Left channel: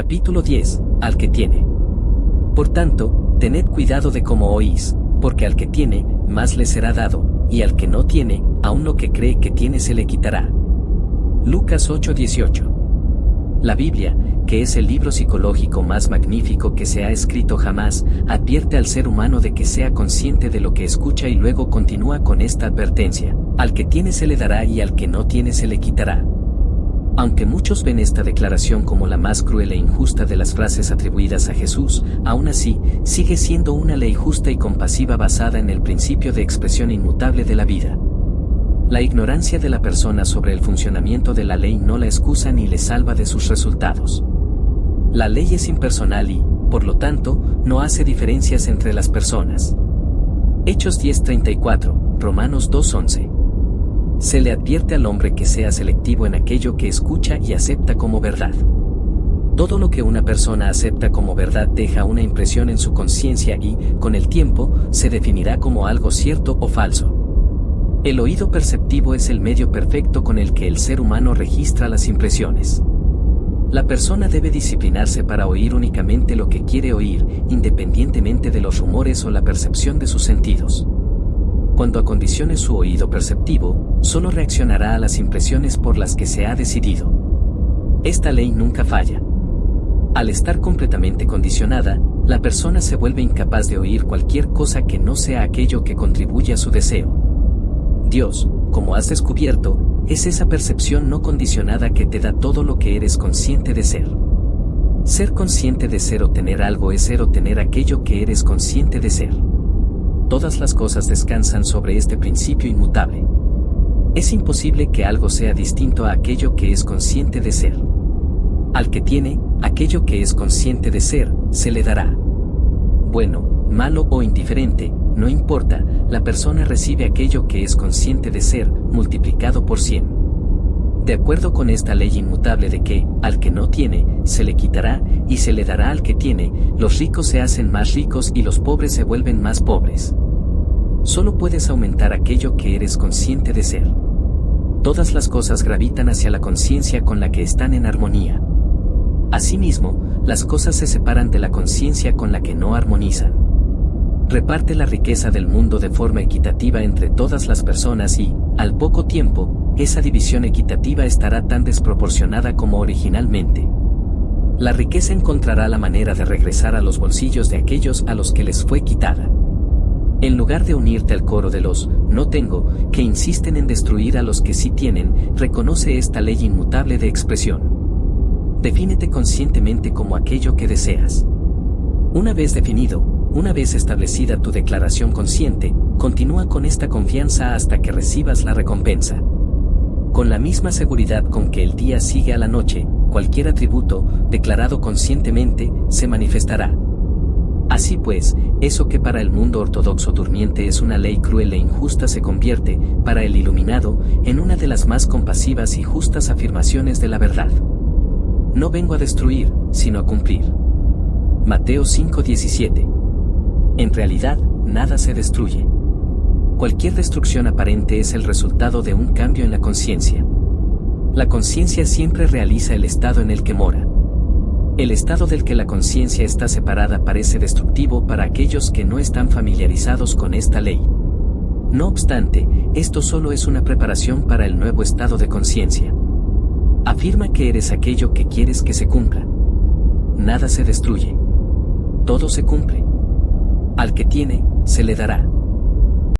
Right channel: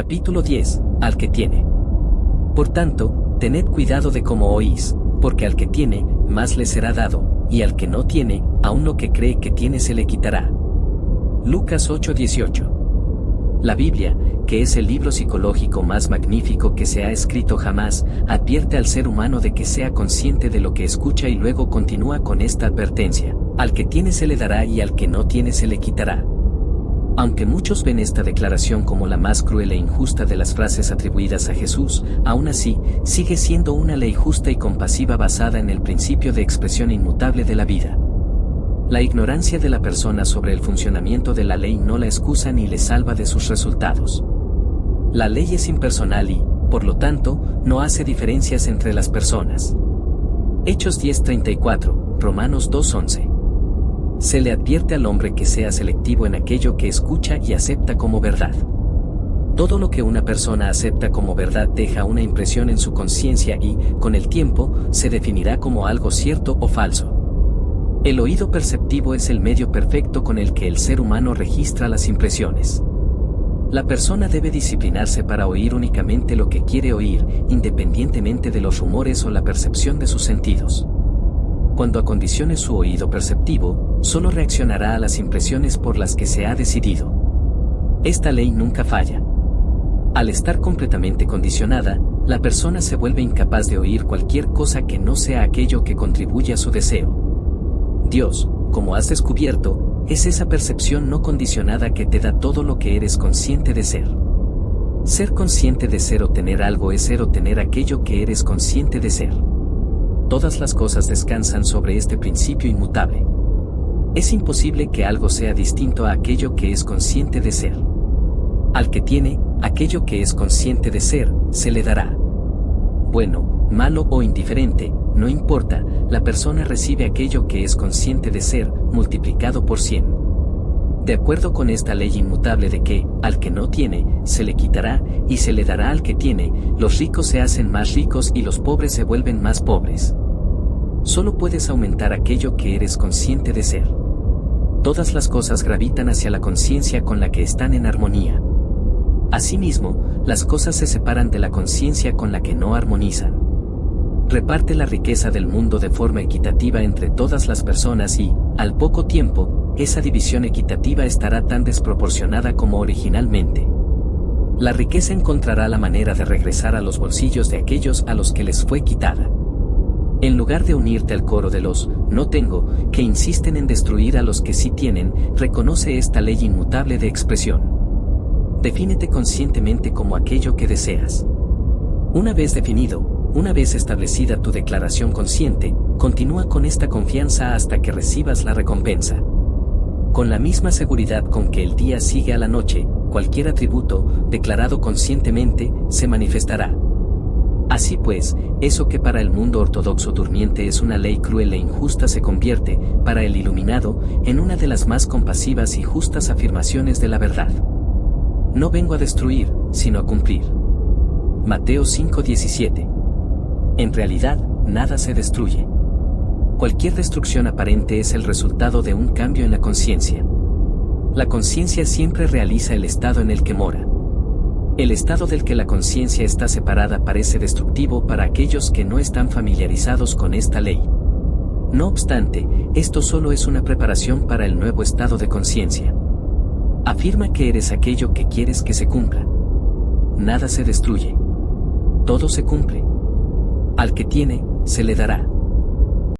Capítulo 10. Al que tiene. Por tanto, tened cuidado de cómo oís, porque al que tiene, más le será dado, y al que no tiene, aun lo que cree que tiene se le quitará. Lucas 8:18. La Biblia, que es el libro psicológico más magnífico que se ha escrito jamás, advierte al ser humano de que sea consciente de lo que escucha y luego continúa con esta advertencia: al que tiene se le dará y al que no tiene se le quitará. Aunque muchos ven esta declaración como la más cruel e injusta de las frases atribuidas a Jesús, aún así, sigue siendo una ley justa y compasiva basada en el principio de expresión inmutable de la vida. La ignorancia de la persona sobre el funcionamiento de la ley no la excusa ni le salva de sus resultados. La ley es impersonal y, por lo tanto, no hace diferencias entre las personas. Hechos 10:34, Romanos 2:11. Se le advierte al hombre que sea selectivo en aquello que escucha y acepta como verdad. Todo lo que una persona acepta como verdad deja una impresión en su conciencia y, con el tiempo, se definirá como algo cierto o falso. El oído perceptivo es el medio perfecto con el que el ser humano registra las impresiones. La persona debe disciplinarse para oír únicamente lo que quiere oír, independientemente de los rumores o la percepción de sus sentidos. Cuando acondicione su oído perceptivo, solo reaccionará a las impresiones por las que se ha decidido. Esta ley nunca falla. Al estar completamente condicionada, la persona se vuelve incapaz de oír cualquier cosa que no sea aquello que contribuye a su deseo. Dios, como has descubierto, es esa percepción no condicionada que te da todo lo que eres consciente de ser. Ser consciente de ser o tener algo es ser o tener aquello que eres consciente de ser. Todas las cosas descansan sobre este principio inmutable. Es imposible que algo sea distinto a aquello que es consciente de ser. Al que tiene, aquello que es consciente de ser, se le dará. Bueno, malo o indiferente, no importa, la persona recibe aquello que es consciente de ser, multiplicado por 100. De acuerdo con esta ley inmutable de que, al que no tiene, se le quitará, y se le dará al que tiene, los ricos se hacen más ricos y los pobres se vuelven más pobres. Solo puedes aumentar aquello que eres consciente de ser. Todas las cosas gravitan hacia la conciencia con la que están en armonía. Asimismo, las cosas se separan de la conciencia con la que no armonizan. Reparte la riqueza del mundo de forma equitativa entre todas las personas y, al poco tiempo, esa división equitativa estará tan desproporcionada como originalmente. La riqueza encontrará la manera de regresar a los bolsillos de aquellos a los que les fue quitada. En lugar de unirte al coro de los «no tengo», que insisten en destruir a los que sí tienen, reconoce esta ley inmutable de expresión. Defínete conscientemente como aquello que deseas. Una vez definido, una vez establecida tu declaración consciente, continúa con esta confianza hasta que recibas la recompensa. Con la misma seguridad con que el día sigue a la noche, cualquier atributo, declarado conscientemente, se manifestará. Así pues, eso que para el mundo ortodoxo durmiente es una ley cruel e injusta se convierte, para el iluminado, en una de las más compasivas y justas afirmaciones de la verdad. No vengo a destruir, sino a cumplir. Mateo 5:17. En realidad, nada se destruye. Cualquier destrucción aparente es el resultado de un cambio en la conciencia. La conciencia siempre realiza el estado en el que mora. El estado del que la conciencia está separada parece destructivo para aquellos que no están familiarizados con esta ley. No obstante, esto solo es una preparación para el nuevo estado de conciencia. Afirma que eres aquello que quieres que se cumpla. Nada se destruye. Todo se cumple. Al que tiene, se le dará.